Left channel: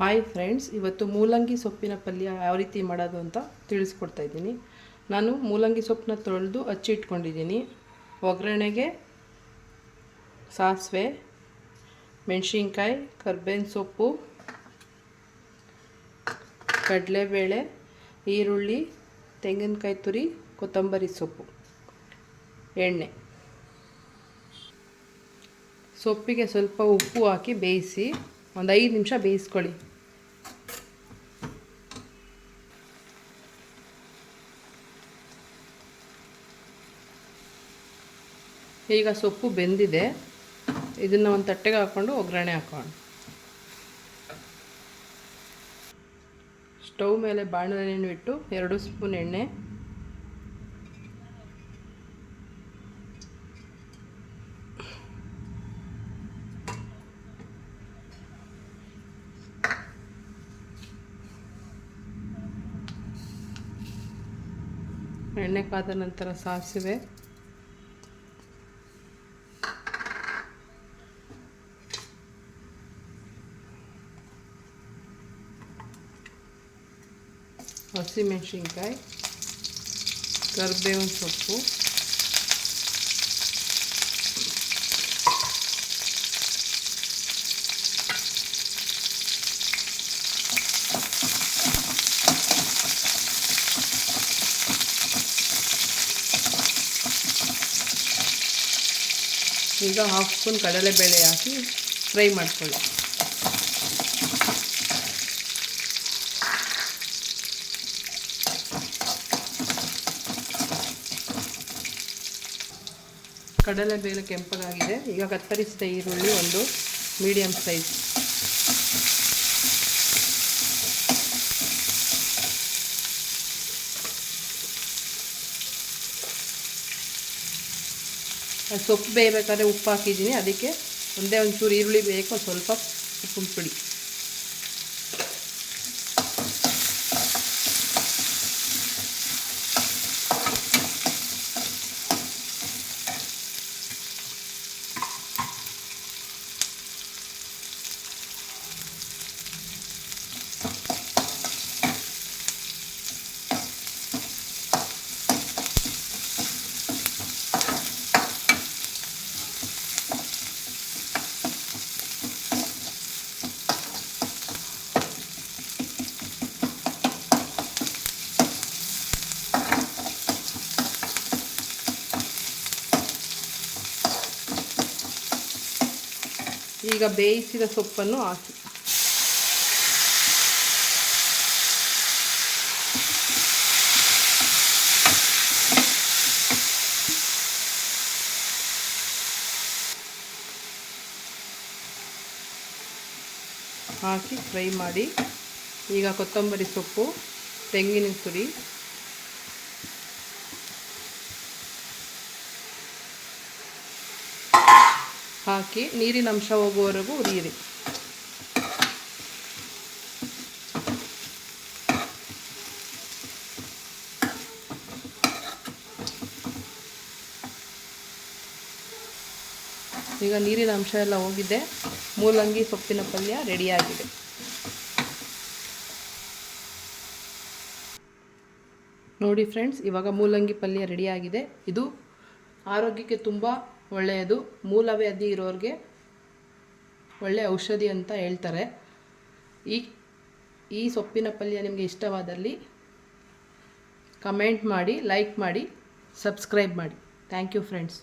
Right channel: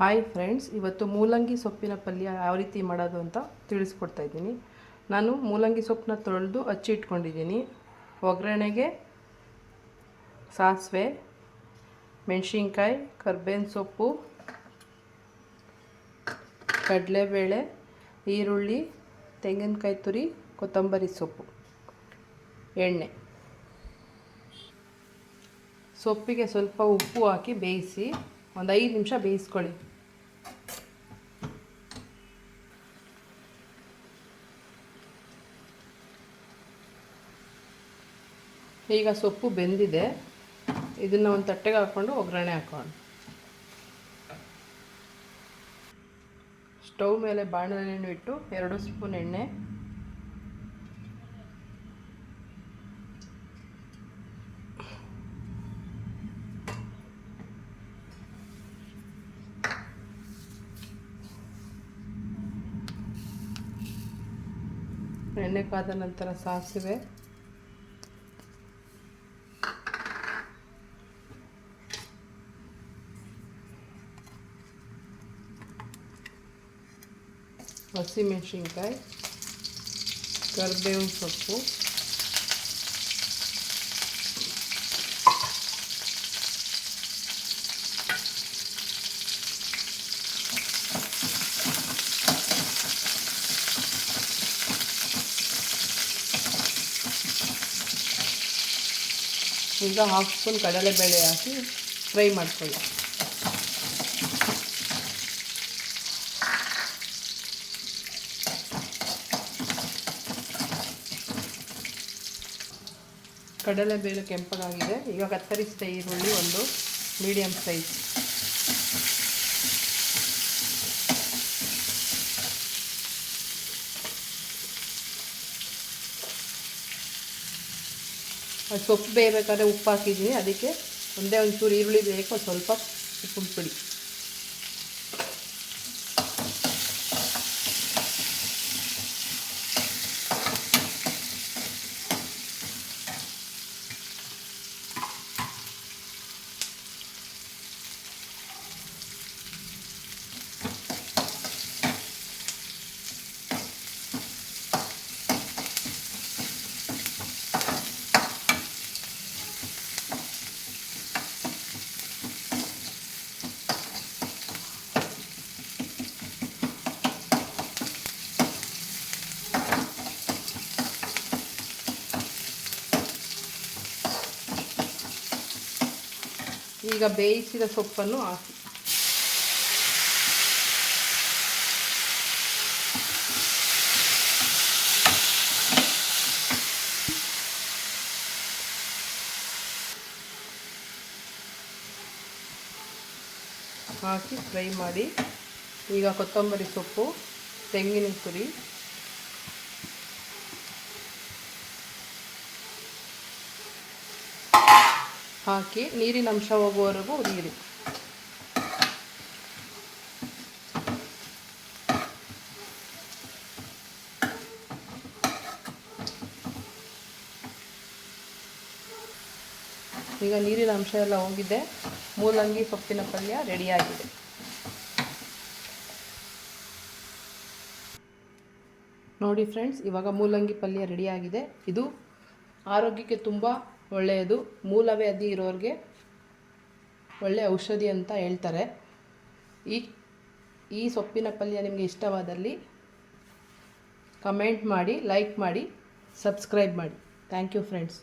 Hi friends ಇವತ್ತು ಮೂಲಂಗಿ ಸೊಪ್ಪಿನ ಪಲ್ಯ ಯಾವ ರೀತಿ ಮಾಡೋದು ಅಂತ ತಿಳಿಸ್ಕೊಡ್ತಾ ಇದ್ದೀನಿ. ನಾನು ಮೂಲಂಗಿ ಸೊಪ್ಪನ್ನ ತೊಳೆದು ಹಚ್ಚಿ ಇಟ್ಕೊಂಡಿದ್ದೀನಿ. ಒಗ್ಗರಣೆಗೆ ಸಾಸಿವೆ, ಮೆಣಸಿನ್ಕಾಯಿ, ಕರ್ಬೇವಿನ ಸೊಪ್ಪು, ಕಡಲೆಬೇಳೆ, ಈರುಳ್ಳಿ, ತೆಂಗಿನಕಾಯಿ ತುರಿ, ಕೊತ್ತಂಬರಿ ಸೊಪ್ಪು, ಎಣ್ಣೆ. ಸೊಪ್ಪಿಗೆ ಸ್ವಲ್ಪ ಉಪ್ಪು ಹಾಕಿ ಬೇಯಿಸಿ ಒಂದು ಐದು ನಿಮಿಷ ಬೇಯಿಸ್ಕೊಳ್ಳಿ. ಈಗ ಸೊಪ್ಪು ಬೆಂದಿದೆ. ಇದನ್ನು ಒಂದು ತಟ್ಟೆಗೆ ಹಾಕ್ಕೊಂಡು ಒಗ್ಗರಣೆ ಹಾಕೋಣ. ಸ್ಟವ್ ಮೇಲೆ ಬಾಣಲೆಯನ್ನು ಇಟ್ಟು ಎರಡು ಸ್ಪೂನ್ ಎಣ್ಣೆ. ಎಣ್ಣೆ ಕಾದ ನಂತರ ಸಾಸಿವೆ. ಹಸಿಮೆಣಸಿನ್ಕಾಯಿ ಕರಿಬೇವಿನ ಸೊಪ್ಪು ಈಗ ಹಾಫ್ ಸ್ಪೂನ್ ಕಡಲೆಬೇಳೆ ಹಾಕಿ ಫ್ರೈ ಮಾಡ್ಕೊಳ್ಳಿ ಕಡಲೆಬೇಳೆ ಕೆಂಪಗಾಗಿದೆ ಈಗ ಕತ್ತರಿಸಿದ ಈರುಳ್ಳಿ ಒಂದು ಮೀಡಿಯಮ್ ಸೈಜ್ ಅದು ಸೊಪ್ಪು ಬೇಯಬೇಕಾದ್ರೆ ಉಪ್ಪು ಹಾಕಿದ್ದೀನಿ. ಅದಕ್ಕೆ ಒಂದೇ ಒಂಚೂರು ಈರುಳ್ಳಿ ಬೇಕು. ಸ್ವಲ್ಪ ಉಪ್ಪು ಪುಡಿ. ಈಗ ಬೇಯಿಸಿದ ಸೊಪ್ಪನ್ನು ಹಾಕಿ. ಹಾಕಿ ಫ್ರೈ ಮಾಡಿ. ಈಗ ಕೊತ್ತಂಬರಿ ಸೊಪ್ಪು ತೆಂಗಿನ ತುರಿ ಹಾಕಿ ನೀರಿನ ಅಂಶ ಹೋಗುವವರೆಗೂ ಉರಿಯಿರಿ ಈಗ ನೀರಿನ ಅಂಶ ಎಲ್ಲ ಹೋಗಿದೆ. ಮೂಲಂಗಿ ಸೊಪ್ಪಿನ ಪಲ್ಯ ರೆಡಿಯಾಗಿದೆ. ನೋಡಿ ಫ್ರೆಂಡ್ಸ್, ಇವಾಗ ಮೂಲಂಗಿ ಪಲ್ಯ ರೆಡಿಯಾಗಿದೆ. ಇದು ಆರೋಗ್ಯಕ್ಕೆ ತುಂಬ ಒಳ್ಳೆಯದು. ಮೂಲವ್ಯಾಧಿ ಇರೋರಿಗೆ ಒಳ್ಳೆಯ ಔಷಧಿ ಅಂತ ಹೇಳ್ತಾರೆ. ಈ ಈ ಸೊಪ್ಪಿನ ಪಲ್ಯ ನಿಮಗೆ ಇಷ್ಟವಾದಲ್ಲಿ ಕಮೆಂಟ್ ಮಾಡಿ, ಲೈಕ್ ಮಾಡಿ, ಸಬ್ಸ್ಕ್ರೈಬ್ ಮಾಡಿ. Thank you friends.